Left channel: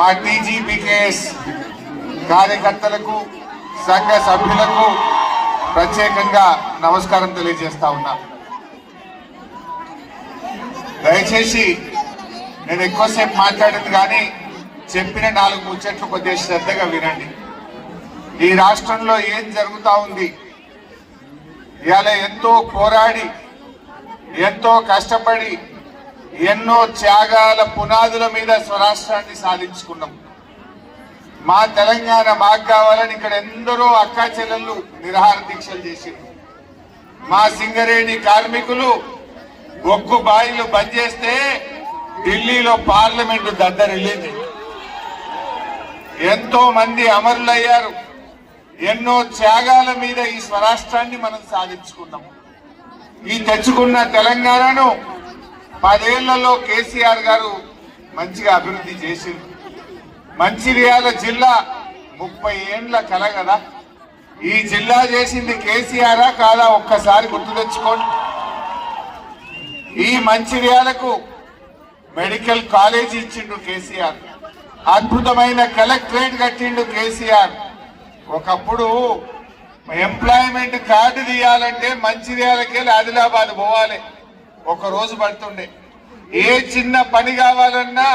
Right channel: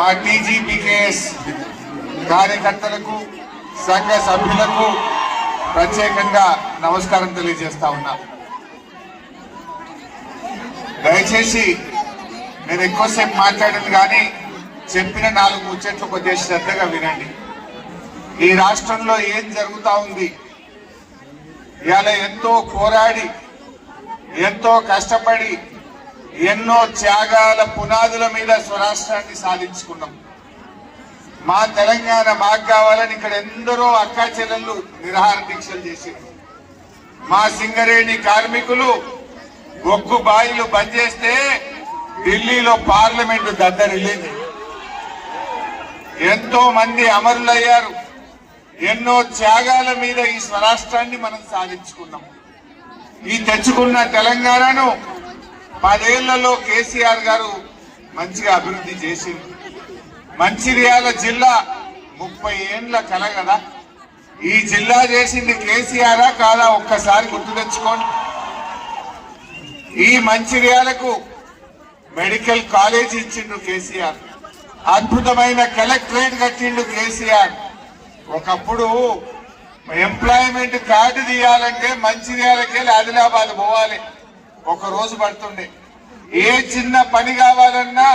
మా టీజీపీకేఎస్ కార్యకర్తలకు సంఘ సభ్యులకు ప్రత్యేకంగా నమస్కారం తెలియజేస్తా ఉన్నా. దయచేసి నేను ఎక్కువసేపు మాట్లాడింది కానీ చెప్పిన 4 ముచ్చట్లు కొద్దిగా శ్రద్ధగా వినండి. ఈ రాష్ట్రంలో ఏం జరుగుతా ఉంది, ఇవాళ ఎంతో పోరాడి ఎంతో కష్టపడి ఎన్నో త్యాగాల పునాదుల మీద స్వరాష్ట్రాన్ని సాధించుకున్నాం. మా తెలంగాణ మాకు కావాలని ఇక్కడ ఎందరో అక్కా చెల్లెళ్ళు నిరాహార దీక్షలు చేసిండ్రు. మా సింగరేణి కార్మికులు ఒగ్గు బాయిలు బంద్ చేస్తే ఢిల్లీలో పార్లమెంటు దద్దరిల్లింది. ఎంతో మంది అమరులయ్యారు. ఎన్నో త్యాగాల మీద ఈ స్వరాష్ట్రాన్ని మనం సాధించుకున్నాం. ఈ తెచ్చుకున్న తెలంగాణను 10 ఏళ్లలో కేసీఆర్ గారు మంచిగా అభివృద్ధి చేసింది. మంచిర్యాల జిల్లా 30 ఏండ్ల కల కదా. ఈ జిల్లా చేసింది కేసీఆర్ కాదా ఒక్కసారి గుర్తు తెచ్చుకోండి. ఈ మంచిర్యాలకు మెడికల్ కాలేజ్ ఇచ్చిండు కేసీఆర్. అద్భుతమైన కలెక్టరేట్ కట్టిండు కేసీఆర్. ఒకప్పుడు ఎంప్లాయ్మెంట్ కార్డు తీయాలంటే మంచిర్యాలకెళ్ళి ఆదిలాబాద్ పోవాలి, 1 రోజు పడుతుండే. ఏ చిన్న పని కావాలన్నా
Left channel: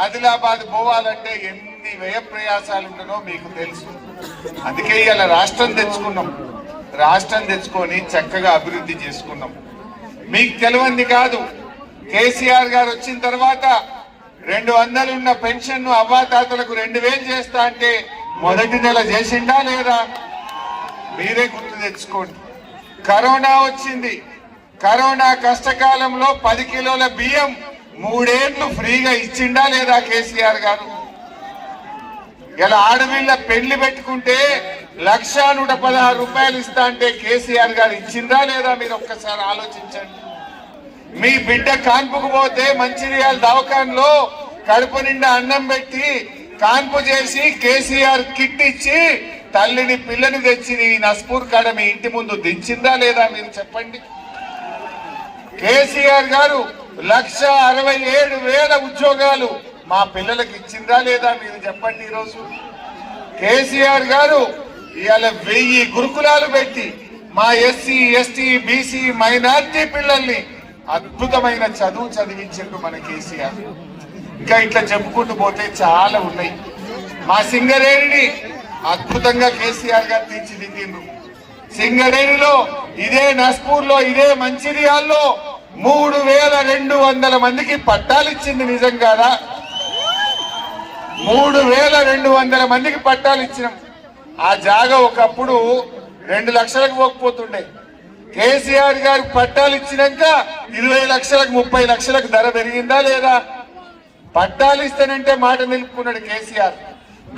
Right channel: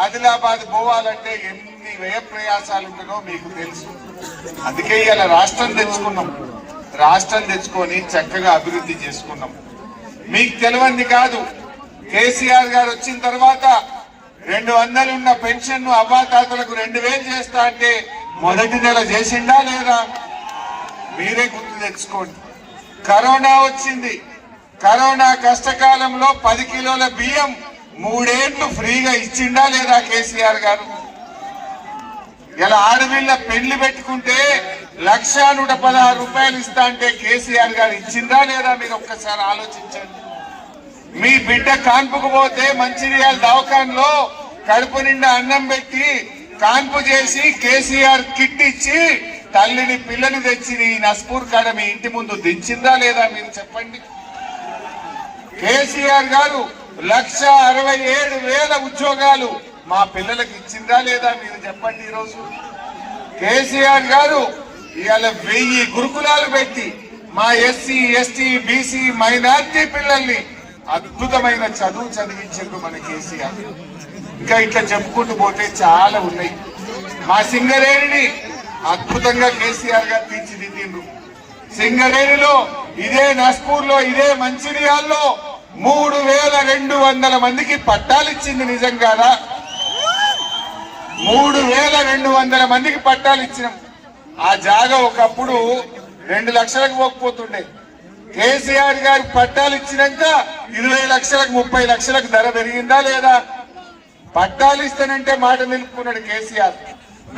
ఆదిలాబాద్ పోవాలంటే ఎన్ని వ్యయ ప్రయాసాలు ఉంటుందో మీకు తెలుసు. అందుకే ఇలా రాష్ట్రం తెచ్చుకున్నాం. రాష్ట్రం తెచ్చుకొని చక్కగా అభివృద్ధి చేసుకున్నాం. మీకు తెలియంది కాదు, కేసీఆర్ గారు వచ్చిన తర్వాత 200 ఉన్న పెన్షన్ అవ్వాతాతలకు 2000 చేస్తా అంటే మొదటి నెల చేసిండా లేదా? మీరే గుర్తు తెచ్చుకోండి. కరోనా వచ్చింది. కరోనా కష్టకాలంలో 10 కిలోల బియ్యం 3 ఏళ్లు ఫ్రీగా ఇచ్చిండా లేదా కేసీఆర్ గారు? ఇలా ఆడపిల్ల పెళ్లి పెట్టుకుంటే 1,116 రూపాయలు ఇస్తా అంటే కేసీఆర్ గారు ఇచ్చిందా లేదా? మీరు ఒక్కసారి ఆలోచించండి. మీ బిడ్డ కాన్పుకు పోతే మంచిర్యాల దవాఖానలో కడుపు నిండా అన్నం పెట్టి కాన్పు చేసి కేసీఆర్ కిట్ ఇచ్చి తల్లిని పిల్లని తెచ్చి ఈ నస్పూర్ కాడ మీ ఇంటి ముందు దించిందా లేదా? మీరు చెప్పండి. కేసీఆర్ గారు 1,67,000 ఉద్యోగాలు మా పిల్లలకు ఇచ్చిందా లేదా? మీరు చెప్పండి. ఈరోజు కేసీఆర్ గారు ఇవాళ 1000 గురుకులాలు పెట్టి మా ఎస్సీ ఎస్టీ బీసీ మైనార్టీ పిల్లల్ని అద్భుతమైన చదువు చదివించారు మన కేసీఆర్. ఇంకా ఇట్లా చెప్పుకుంటూ పోతే చాలా ఉన్నాయి. మా సింగరేణిని అద్భుతంగా కేసీఆర్ గారు తీర్చిదిద్దిండ్రు. సింగరేణిలో ఇదే నస్పూర్ లో ఇదే మంచిర్యాల్లో 3,200 మందికి పట్టాలు ఇచ్చింది. నిజం కాదా? 3,200 మందికి పట్టాలు ఇచ్చినాం. ఆ జాగా ఒకప్పుడు 2 లక్షలకు పోకపోతుండే. కేసీఆర్ గారి పట్టాలు ఇచ్చినాక 20 లక్షలకు 30 లక్షలకు ధర పెరిగిందా లేదా? పట్టాలు ఇస్తానంటే మాట నిలుపుకున్నాడు కేసీఆర్.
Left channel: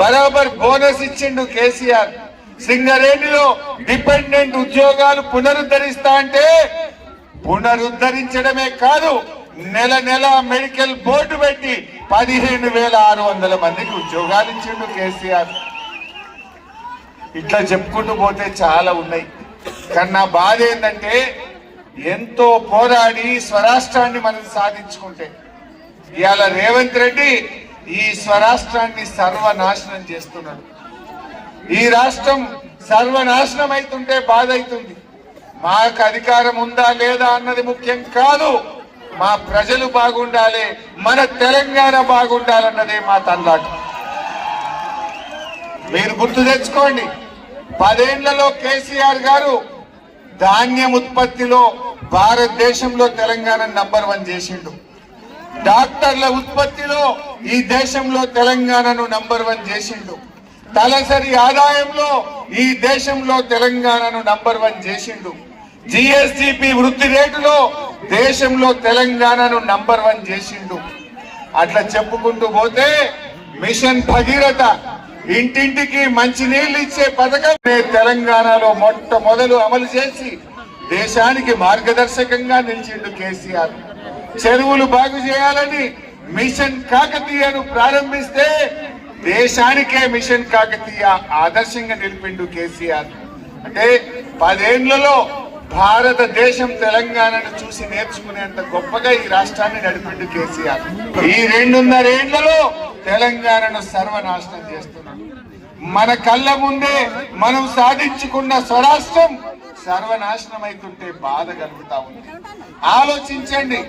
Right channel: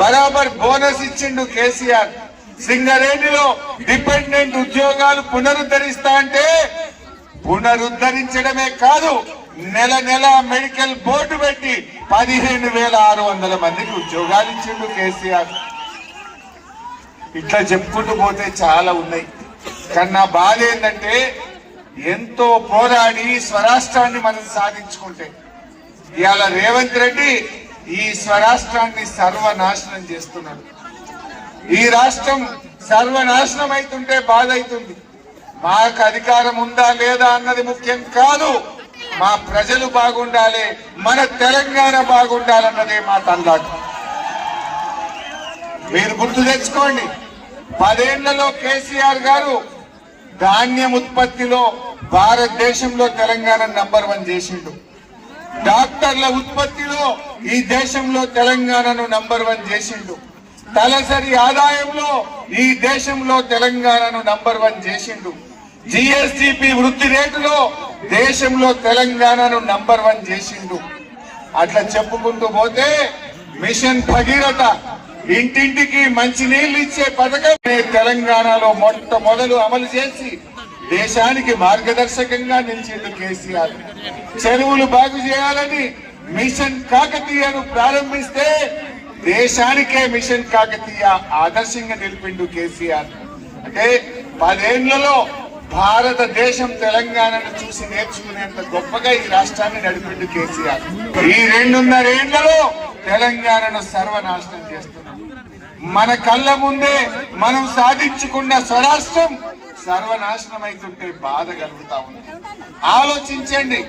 బరాబర్ బోనస్ ఇచ్చిండు కేసీఆర్. సింగరేణిలో డిపెండెంట్ ఉద్యోగాలు పునరుద్ధరిస్తా అంటే పునరుద్ధరించడమే కాదు, నెల నెల మెడికల్ బోర్డు పెట్టి 15,600 మందికి ఉద్యోగాలు ఇచ్చిండు కేసీఆర్. ఇట్లా చెప్పుకుంటూ పోతే చాలా ఉన్నాయి. కానీ నా బాధ ఏంటంటే ఎంతో పోరాడి స్వరాష్ట్రాన్ని మనం సాధించుకుంటే ఇవాళ రేవంత్ రెడ్డి ఈ స్వరాష్ట్రాన్ని సర్వనాశనం చేస్తున్నాడు. ఈ రాష్ట్రం సర్వనాశనం అవుతుంటే బాధ అవుతుంది. మాకు అధికారం ఉందా లేదా అన్నది ముఖ్యం కాదు, మా ప్రజలు బాగుండాలి, మన తెలంగాణ బాగుండాలన్నదే మా తల్లాట. మీరు గుర్తు తెచ్చుకోండి, 10 ఏళ్లలో కేసీఆర్ గారు ధాన్యం ఉత్పత్తిలో భారతదేశంలో తెలంగాణ నంబర్ 1 చేసిండు. డాక్టర్ల ఉత్పత్తిలో ఈ దేశంలో తెలంగాణను నంబర్ 1 చేసిండు. తలసరి ఆదాయంలో ఈ దేశంలో తెలంగాణను నంబర్ 1 చేసిండు. జిఎస్టిపి వృద్ధి రేటులో దేశంలో తెలంగాణను నంబర్ 1 చేసిండు. అట్లా చెప్పుకుంటూ పోతే మిషన్ భగీరథ ఇంటింటికి మంచినీళ్లు ఇచ్చే పథకం తెలంగాణలో మొట్టమొదలు అమలు చేసి దేశానికి మార్గదర్శకంగా నిలిచిండు కేసీఆర్. చెరువులు బాగు చేయాలని మిషన్ కాకతీయను ప్రారంభిస్తే దేశానికే మిషన్ కాకతీయ ఆదర్శంగా నిలిపిండు కేసీఆర్. అంటే 10 ఏళ్లలో భారతదేశం తెలంగాణను చూసి నేర్చుకునేంత గొప్పగా ఈ రాష్ట్రాన్ని నడిపిండు కేసీఆర్. ఈ 2.5 ఏళ్లలో తెలంగాణను సర్వనాశనం చేస్తున్నాం. మన కళ్ళ ముందే మనం సాధించుకున్న స్వరాష్ట్రం సర్వనాశనం అవుతుంటే బాధ కలుగుతా ఉంది. ఆలోచించండి.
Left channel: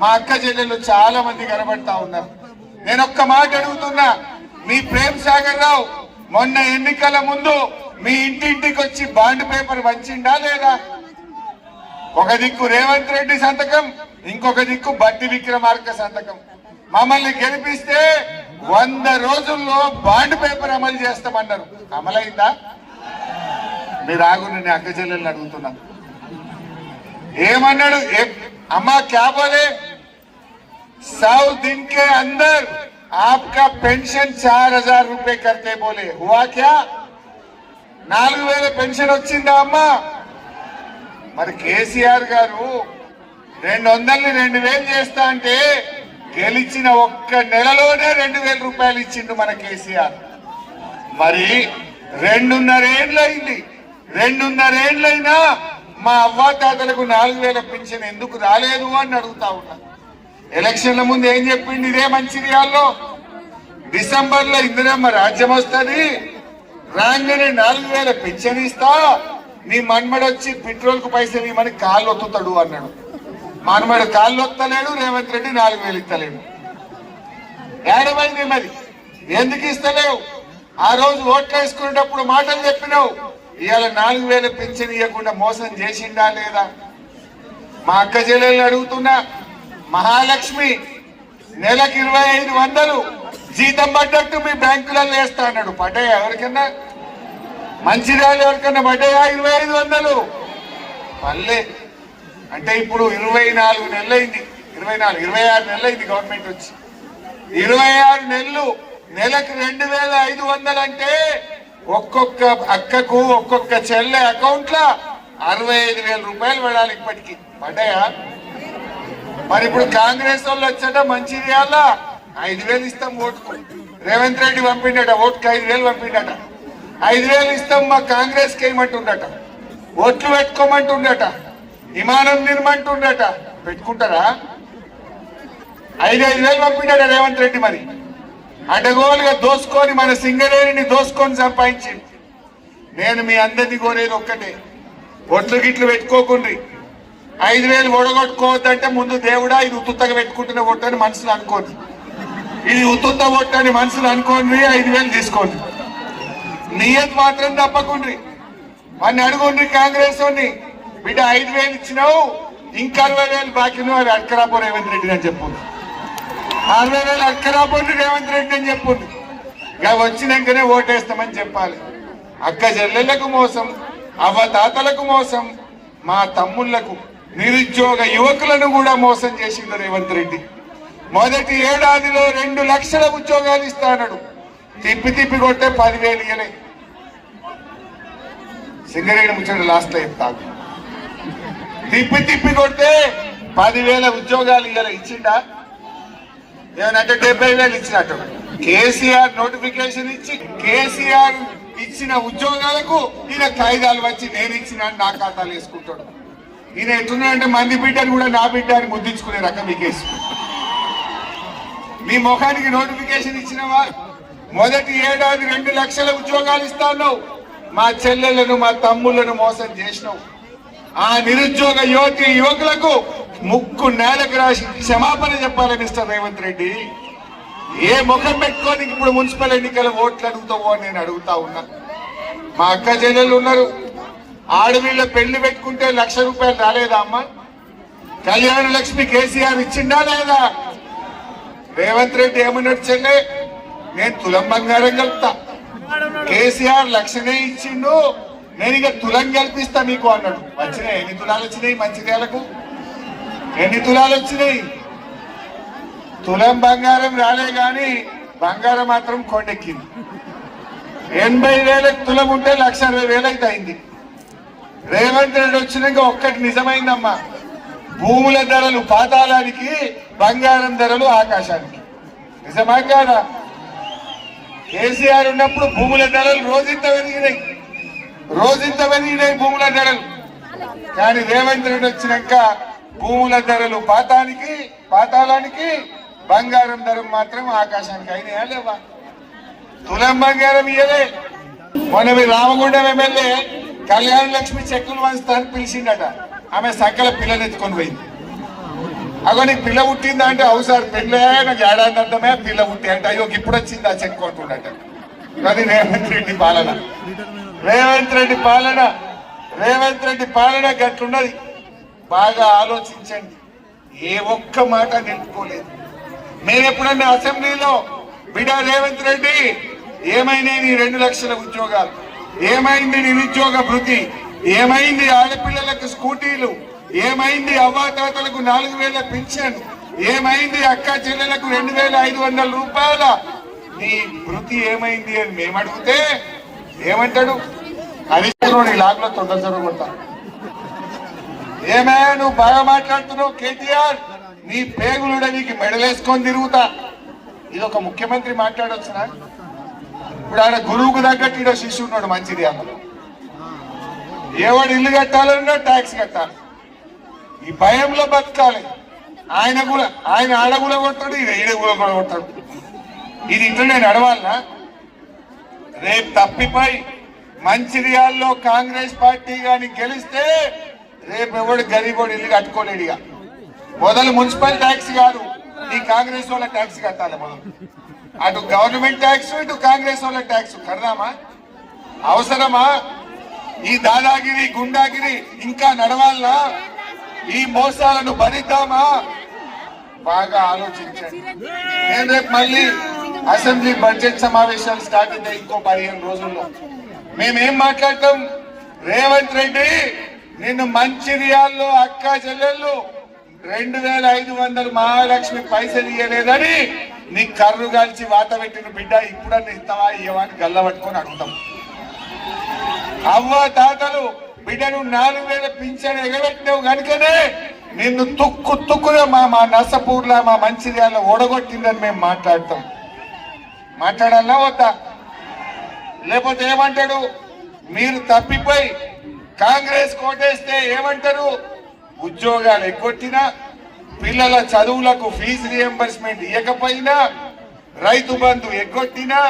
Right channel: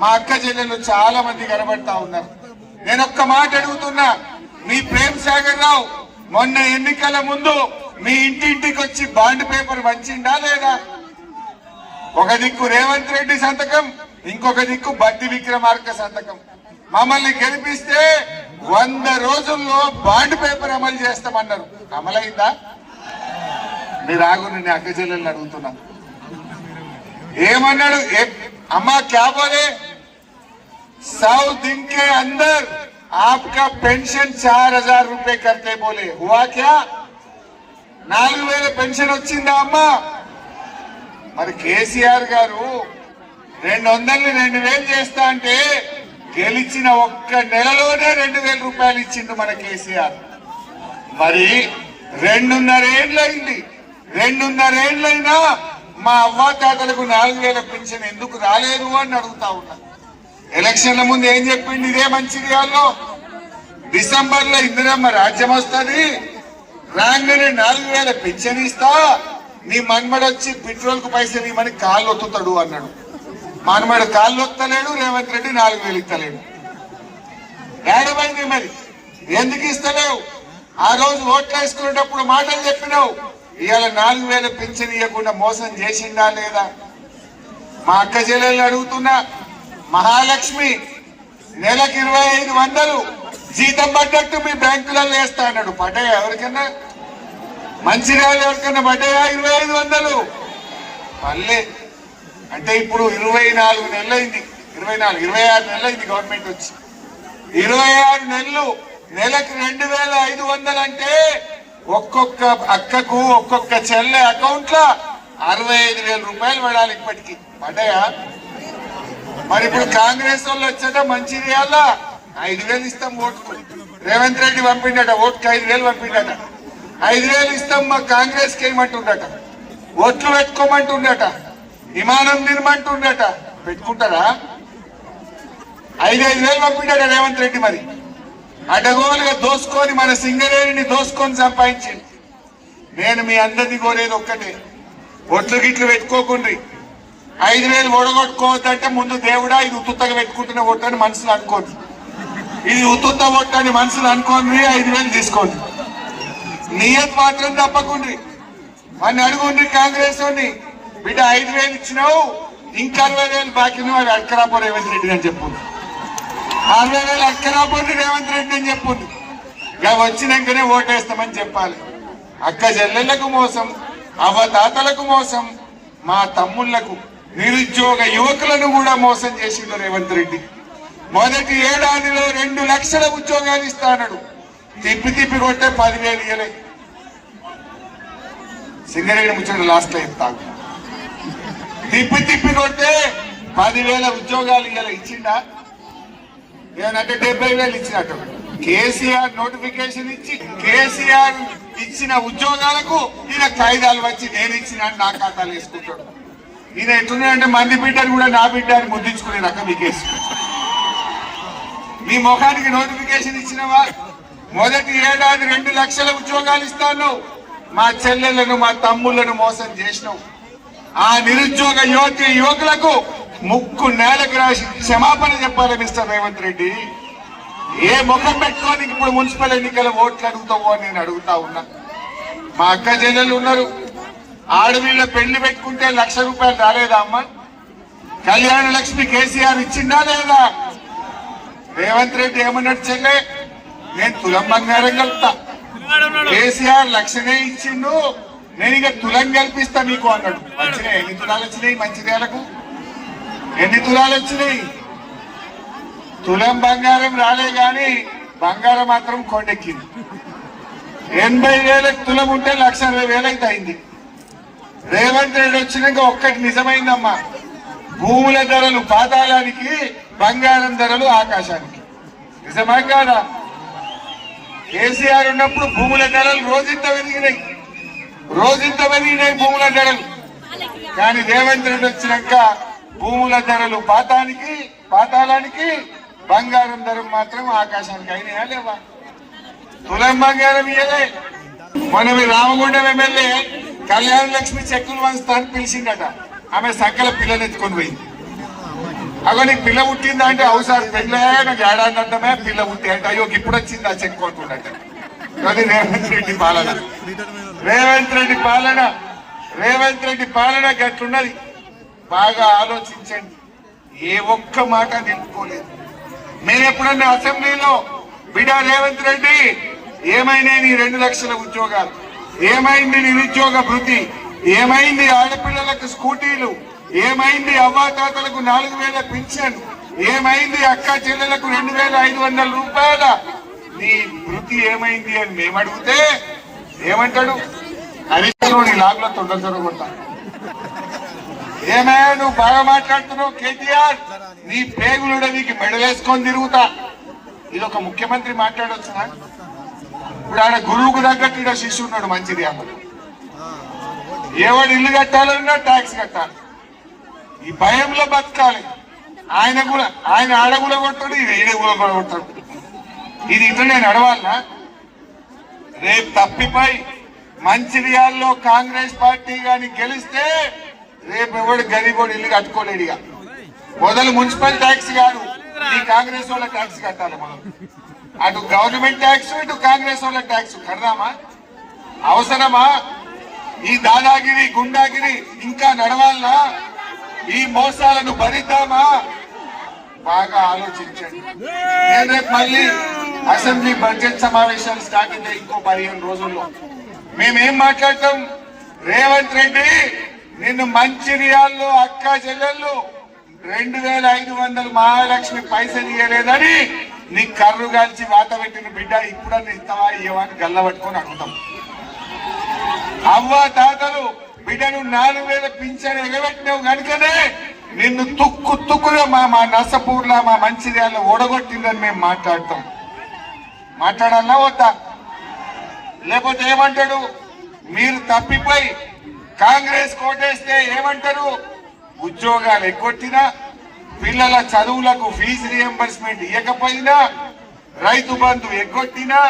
మా అక్క చెల్లెలు చాలా మంది కనబడతా ఉన్నారు. నేను ఒక్క మాట అడుగుతున్నా, మీ ప్రేమ్ సాగర్ రావు మొన్న ఎన్నికల ముందు మీ ఇంటింటికి వచ్చి బాండ్ పేపర్ వంచిండా లేదా? ఒక దిక్కు రేవంత్ రెడ్డి సంతకం, ఇంకొక దిక్కు బట్టి విక్రమార్క సంతకం. మమ్మల్ని గెలిపిస్తే 100 రోజుల్లో బాండ్ పేపర్ అమలు చేస్తామన్నారు. అమలైందా? మీరు ఆగు, నేను అక్క చెల్లెల్ని అడుగుతున్నా. ఏమన్నాడు? అమ్మా క్యా బోలే? 100 दिन के अंदर आपका पेंशन 4000 रुपए करते बोले. हुआ क्या? 4000 పెన్షన్ వచ్చిందా అమ్మా? మరి కేసీఆర్ గారు 200ని 2000 చేస్తా అంటే గెలిచిన ఒక్క నెలలోనే 2000 రూపాయలు ఇచ్చిండు మన కేసీఆర్. మరి 2.5 ఏళ్ళైంది. 2.5 ఏళ్ళైనా మా అవ్వాతాతలకు 4000 పెన్షన్ ఎందుకు రాలేదు అని అడుగుతా ఉన్నా. ఎలక్షన్ల ముందు ఏం చెప్పింది? ఇదే మంచిర్యాలలో డిసెంబర్ లో ఇందిరమ్మ రాజ్యం వస్తుంది, రాగానే 4000 పెన్షన్ ఇస్తా, నీ మన్మడొచ్చి పెట్రోల్ కు పైసలు ఇవ్వమని కాళ్ళు ఒత్తుతాడు అన్నాడు. మన్మడు కాళ్ళు ఒత్తలేడు, రేవంత్ రెడ్డి 4000 ఇస్తలేడు. ఏడమైంది మరి? ఎందుకు ఇస్తలేవు? ఆ రోజు ఓట్లు వేసుకునేటప్పుడు మాటలు చెప్పినావు, ఇవాళ 4000 పెన్షన్ ఇవ్వకుండా మోసం చేసిండా లేదా? మా అక్క చెల్లెలు అడుగుతున్నా. మహాలక్ష్మి నెలకు 2500 జీతం పడ్డట్టు మీ బ్యాంకులలో వేస్తా అన్నాడు. పడ్డాయా ఎవరికన్నా? మంచిర్యాల ఎవరికన్నా పడ్డాయా 2500? పల్లె. అంటే ఇప్పుడు 24 నెలలైంది, 26 నెలలైంది గవర్నమెంట్ వచ్చి. 26 నెలలు నెలకు 2500 అంటే ఒక్కొక్క అక్కకు ఒక్కొక్క చెల్లె అకౌంట్ లో 65,000 రూపాయలు పడాలి. ఇప్పటికి పడ్డాయా? మరి ఇప్పుడు కాంగ్రెస్ వాళ్ళు వచ్చాక మంచిర్యాల 5000 ఇస్తాం ఓటుకు. రేవంత్ రెడ్డి పంపిండట, ఓటుకు 5000 పంపిండట. 5000 ఇస్తాం మా కాంగ్రెస్ కి ఏమంటుండట, ఓట్లు పెట్టుకోమంటుండట, విమానం తినమంటుండట. పెట్టుకుంటారా? 5,000 పంపిండట రేవంత్ రెడ్డి. మరి అడ్డగోలుగా దోసుకొని మన సింగరేణిని దోసుకొని సంపాదించింది. నేను మీ అందరినీ కోరేది ఒక్కటే, ఒట్లు గిట్లు పెట్టుకోకుండ్రి. 5000 ఓడగొట్టుకోవద్దంటే ముందు దేవుడా ఇది ఉత్తుత్తగా పెట్టుకుంటున్న ఓటు అని మనసులు అనుకోండి. ఇది ఉత్తుత్త ఓటు అని మనసులు అనుకోండి. 5000 తీసుకోండి. నియత్ మాత్రం తప్పకుండ్రి. వాడిని అడుగుండ్రి కాంగ్రెస్ వాడిని, బిడ్డ 5000 ఇచ్చినావు, ఇంకా 60,000 బాకీ వాడు అడకరాపో రేవంత్ రెడ్డి అని చెప్పుంది. 60,000 అడకరాపోండి రేవంత్ రెడ్డి అని చెప్పుంది. ఇక వచ్చినాకనే ఓటేస్తామని చెప్పాలి. అక్క చెల్లెళ్లకు మోసం, అవ్వతాతలకు మోసం, మా తమ్ముళ్లకు నిరుద్యోగ యువకులను కూడా మోసం చేసిండు రేవంత్ రెడ్డి. మొదటి ఏడాదిలో 2 లక్షల ఉద్యోగాలు ఇస్తాడు. తిప్పి తిప్పి కొట్టే 10,000 ఇయ్యలే. సింగరేణి ముచ్చట లాస్ట్ లో ఇస్తాడు. తిప్పి తిప్పి కొట్టే 10,000 ఉద్యోగాలు ఇయ్యలే. ఇచ్చిండా? ఏమనంటే 70,000 ఇచ్చినట్టు. కేసీఆర్ నోటిఫికేషన్ ఇచ్చి కేసీఆర్ ఇచ్చిన ఉద్యోగాలకు ఈయన కాయిదాలు వచ్చి నేను ఇచ్చిన నా ఖాతాలు వేసుకుంటాడు. ఈయన ఎట్లున్నాడంటే మంది బిడ్డను కూడా నా బిడ్డ అని ముద్దించుకునే రకం ఈ కేసు. నీ ముఖానికి నోటిఫికేషన్ ఇచ్చినవా? మొదటి ఏడాది 2 లక్షల ఉద్యోగాలు ఇస్తాను. మా చెల్లెలను మా తమ్ముళ్లను మోసం చేసినావు. ఆ నిరుద్యోగ యువకులకు ముక్కు నేలకు రాసి క్షమాపణ చెప్పాలి మిస్టర్ రేవంత్ రెడ్డి. ఏ ముఖం పెట్టుకొని ఇప్పుడు మున్సిపల్ ఎన్నికల ఓట్లు అడుగుతావో అని నేను అడుగుతా ఉన్నా. మా అక్క చెల్లెలు ఉన్నారు, ఆడవీళ్ళ పెళ్లి పెట్టుకుంటే 1,00,000 రూపాయలు రాలేదా అమ్మ? కళ్యాణ లక్ష్మి కేసీఆర్ ఇచ్చిందా లేదా? రేవంత్ రెడ్డి ఏమన్నాడు? చెల్లె నేను తులం బంగారం కలుపుతా, కేసీఆర్ 1,00,000 ఇచ్చిండు, నేను ఇక తులం కల్పిస్తా మీకు అన్నాడు. వచ్చినాయి ఎన్ని తులాలు వచ్చినాయి? మంచిర్యాలకు ఎన్ని తులాలు వచ్చినాయి? తులం బంగారం రాలే గాని బంగారం మాత్రం కొండెక్కింది. 80,000 తులం ఉంటే 1,20,000 అయితే అయింది. రేవంత్ రెడ్డి వచ్చినాక ఒక్కటి నిజమైందమ్మా, భూముల ధరలు పాతాళానికి, బంగారం ధరలు ఆకాశానికి. నిజమా కాదా? కేసీఆర్ ఉన్నప్పుడు భూముల ధరలు రోజంత పెరిగినాయి భూముల ధరలు. కానీ రేవంత్ రెడ్డి వచ్చినాక భూముల ధరలు పాతాళానికి, బంగారం ధర మాత్రం ఆకాశానికి అయినా లేవా? తులం బంగారం ఇయ్యలే. మొన్న రామగుండం ఎమ్మెల్యే కళ్యాణ లక్ష్మి చెక్కులు వంచుతానికి పిలిచిందట. ఆమె సకల పిల్లని ఎత్తుకొని పోయింది. అగో నీకు పిల్ల పుట్టిందా అంటే అవసరం పెళ్ళే నాకు ఏడాదంతమే పిల్ల పుట్టి అంటే అయ్యో ఇప్పుడు వచ్చింది ఆ చెక్కు అనుకుంటాట. అది రేవంత్ రెడ్డి పాలన, రేవంత్ రెడ్డి పాలన, రేవంత్ రెడ్డి పాలన గట్లున్నది. బాగా ఆలోచించండి. ఏ ఒక్క మాట నిలుపుకోలేదు. మేము ఎప్పుడన్నా అసెంబ్లీలో బిడ్డ రేవంత్ రెడ్డి ఏమైనా నీ 2 లక్షల ఉద్యోగాలు, ఏమైంది నిరుద్యోగ భృతి, ఏమైంది ఆడపిల్లలకు స్కూటీలు, ఏమైంది అవ్వాతాతలకు 4000 పింఛన్, ఏమైంది అక్క చెల్లెలకు 2500 రూపాయల నీ భృతి ఏమైంది అని మేము అడిగితే ఏమంటాడు? హరీశ్రావు నీ లాగులో తొందర కొడతా. ఏమే నువ్వు బాగా మాట్లాడుతున్నావు కేటీఆర్, నీ పేగులుడ నీకు మెడలేసుకొని తిరుగుతా. ఇది ఒక ముఖ్యమంత్రి మాట్లాడొచ్చునా? ఇప్పుడు ఆయన గురువుకు తగ్గట్టు ఈడ శిష్యు ఉన్నాడు మంచిది. అసలు ఎవడు ఇల్లు కట్టాలన్నా ట్యాక్స్ కట్టాలి, ఈ భయంలో బతకాలి. ఆయన ఆడ కూడా కొడతాడు, ఈడ కూడా కొడతాడు. ఇది ఇట్లా నేను నడవాలనా? రేపు తప్పిపోయి మంచిర్యాలలో కాంగ్రెస్ పార్టీ కానీ గెలిస్తే రేపు ఎవడు గరీబోడు ఇల్లు కట్టుకోలేడుగా. మొదలు మున్సిపల్ ట్యాక్స్ కాదు, ఈ కాంగ్రెస్ వాళ్ళ ట్యాక్స్ కట్టాలి. మొదలు అటు గవర్నమెంట్ ట్యాక్స్, ఇటు కాంగ్రెస్ వాళ్ళ ట్యాక్స్ కడదామా? అవసరమా? ఈ దాదాగిరి గుండాగిరి ఇంకా నడవాలనా? ఈ మోసాలను భరిద్దామా? బాగా ఆలోచించండి. నేను రేపు మళ్ళీ అసెంబ్లీ బడ్జెట్ సమావేశాలు స్టార్ట్ అయితే ఇంకో 15 రోజుల్లో మేమేం మాట్లాడతాం? రేవంత్ రెడ్డి నిన్ను మంచిర్యాల్లో అక్క చెల్లెళ్ళు 2500 మహాలక్ష్మి పైసలు ఇయ్యలేదని నీ కర్రు కాల్చి వాత పెట్టిన బిడ్డ ఇప్పుడన్నా ఇస్తావా ఇవ్వవా అని గల్ల పట్టుకొని అడుగుతాం. అవ్వ తాతలు బిడ్డను 4000 పింఛను ఎగబెట్టినావు కనుకనే నిన్ను తుక్కుగా మా నర్సపూర్లో మా మంచిర్యాలలో ఓడగొట్టిందని మేము మాట్లాడతాం. మాట్లాడాలా వద్దా? లేకపోతే ఏమంటాడు? మీరు తప్పిపోయి కాంగ్రెస్ కోటేస్తే ఏమంటారు? ఉద్యోగాలు ఎగ్గొట్టినా, పిల్లల చదువులకు ఫీజు రియంబర్స్మెంట్ ఇవ్వకపోయినా, రైతు బంధు ఎగ్గొట్టినా,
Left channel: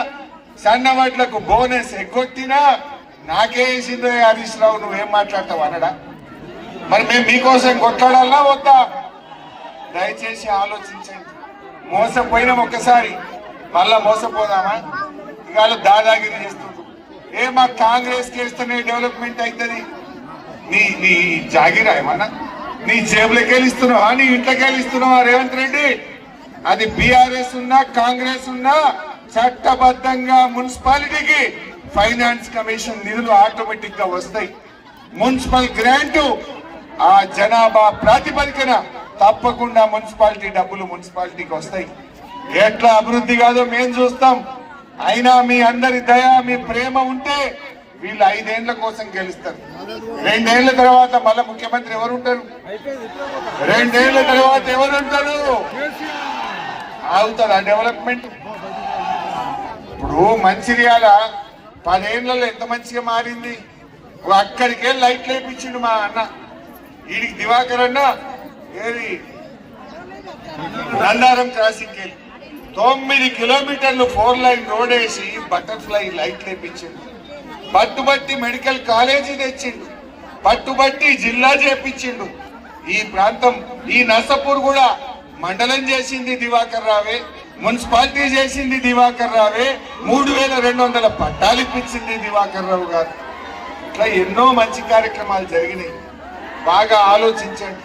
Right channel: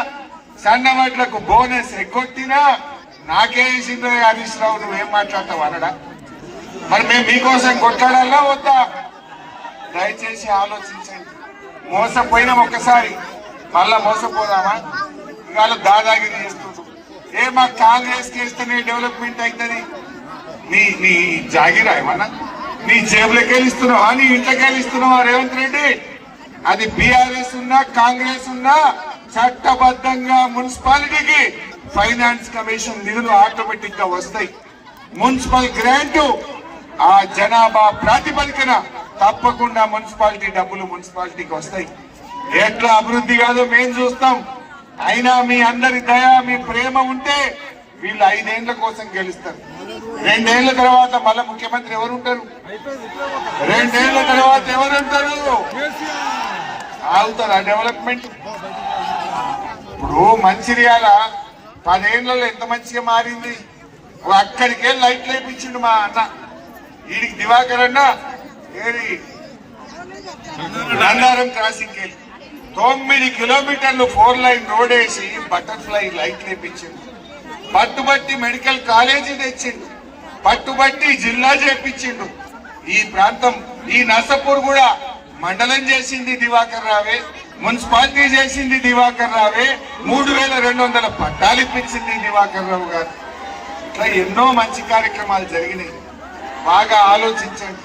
సన్నవడ్లకు బోనస్ ఎగ్గొట్టినా నాకే వేసిందో హరీష్ రావు నువ్వేం మాట్లాడతావు అనడా? మరి మేము మీకోసం కొట్లాడాలా వద్దా? దయచేసి ఆలోచించండి. మోసపోయినాం ఒక్కసారి, మళ్ళా మోసపోదామా? ఇవాళ దాదాగిరి చేస్తుండ్రు. మా కాంగ్రెస్ చేస్తేనే డెవలప్మెంట్ అవుతుంది. నీ జాగిరా ఏమన్నా? నీ జేబులోకి వెళ్ళిస్తున్నావా? నీ ఇంట్లోకి వెళ్ళిస్తున్నావా రేవంత్ రెడ్డి? అది బీఆర్ఎస్ ఉన్నా కాంగ్రెస్ ఉన్నా చట్టబద్ధంగా మున్సిపాలిటీకి ఫైనాన్స్ కమిషన్ నిధులు ఆటోమేటిక్ గా వస్తాయి. మున్సిపల్ గ్రాంట్ ఆ జనాభా ప్రాతిపదికన తప్పకుండా మున్సిపాలిటీ డబ్బులు మున్సిపాలిటీకి వస్తాయి. ఎట్లా అభివృద్ధి కాదో మేము చూస్తాం. అయినా మీ అందరి దయ మీ ప్రేమ ఉంటే వీళ్ళు 5 ఏళ్ల కోసం గెలుస్తారు. 2 ఏళ్ల తర్వాత మళ్ళా ముఖ్యమంత్రి ఎవరుంటారు? 2 ఏళ్ల తర్వాత ఎవరుంటారు? ఆగుతుంది ఆ డెవలప్మెంట్. ఇప్పుడు మంచిర్యాల 10 ఏళ్లలో ఎంత మంచిగా మారింది. అక్కడికే లైట్ లేపించిండు మా అన్న. వీడికి దివాకర్ అన్న ఏది నందారం క్రాసింగ్ వెళ్ళి 9 కిలోమీటర్లు 4 లైన్ రోడ్ వేసి బటర్ఫ్లై లైట్ లేపించింది. పట్టుబట్టి మెడికల్ కాలేజీ తెచ్చిండు, పట్టుబట్టి జిల్లా చేపించిండు. ఈ ప్రాంతం ఈ నర్సపూర్ కూడా మండలం చేసింది దివాకర్ రావే, మున్సిపాలిటీ చేసింది దివాకర్ రావే, 3200 పట్టాలు ఇప్పించింది దివాకర్ రావు గారు. ఇట్లా ఎన్నో మంచి కార్యక్రమాలు జరిగినాయి. బాగా ఆలోచించండి.